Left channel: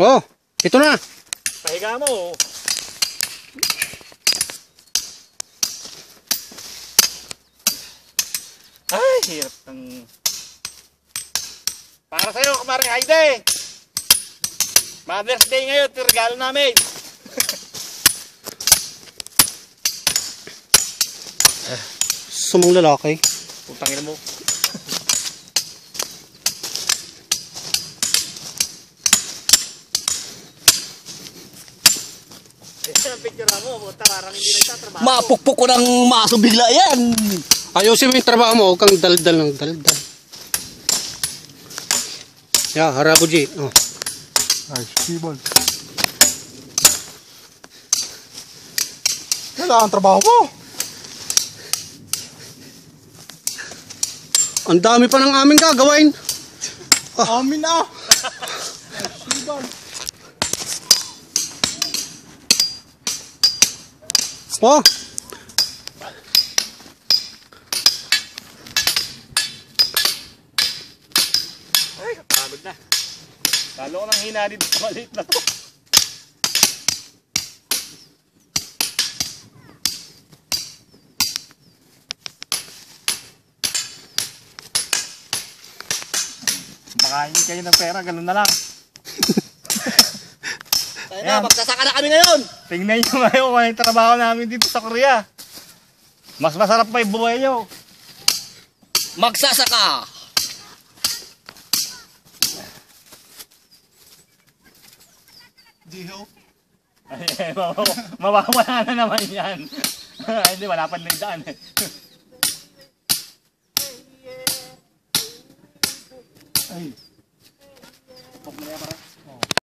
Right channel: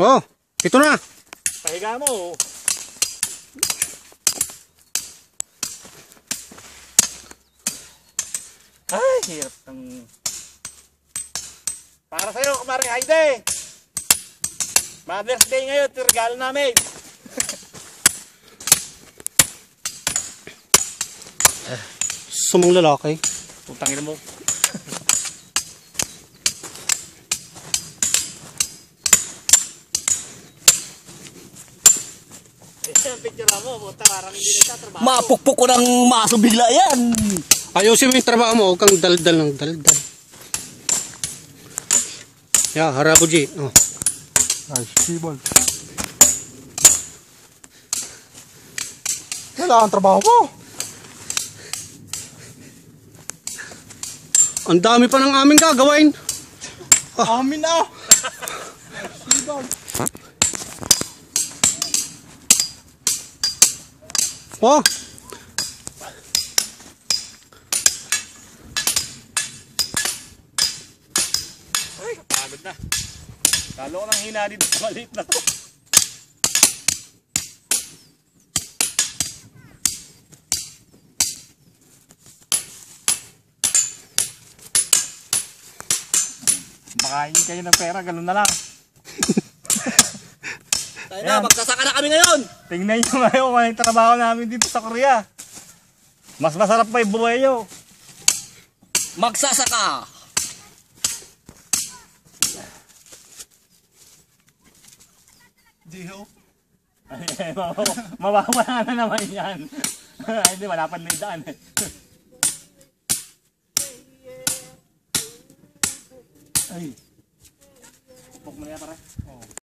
Oh, ito na. Pahiga mo. Ay, hirap ng... Para sa'yo, kumaring Heidi. Mother's Day ngayon, regalo namin. Sumong lalaki. Putangin mo. Ang picture mo, tararang hindi nagtatrabaho. Mapukpok ko ng maso bigla yan. Ayusin mo yung trabaho mo, huwag kang daldal ng daldal. Yeah, harabo G. Oh. Ay, sibol. Kailangan trabaho mo. Ang dami pa ng aming gagawin. Amin na. Sibol. Oh. Ay, kapamid na. Talo ko ng hina dito sa maliit na to. Makain kayo ng pera, ganun na lang. Kaya magsasaka na kami ngayon. Tingnan nyo ngayon kung yung trabaho namin dito sa Korea. Mas masarap pa yung buhay nyo. Magsasaka. Diho. Ay, mawawala na naman yan. Ay, hindi, wala pa na yung daan eh. Ay. Pok mo na yan, pare.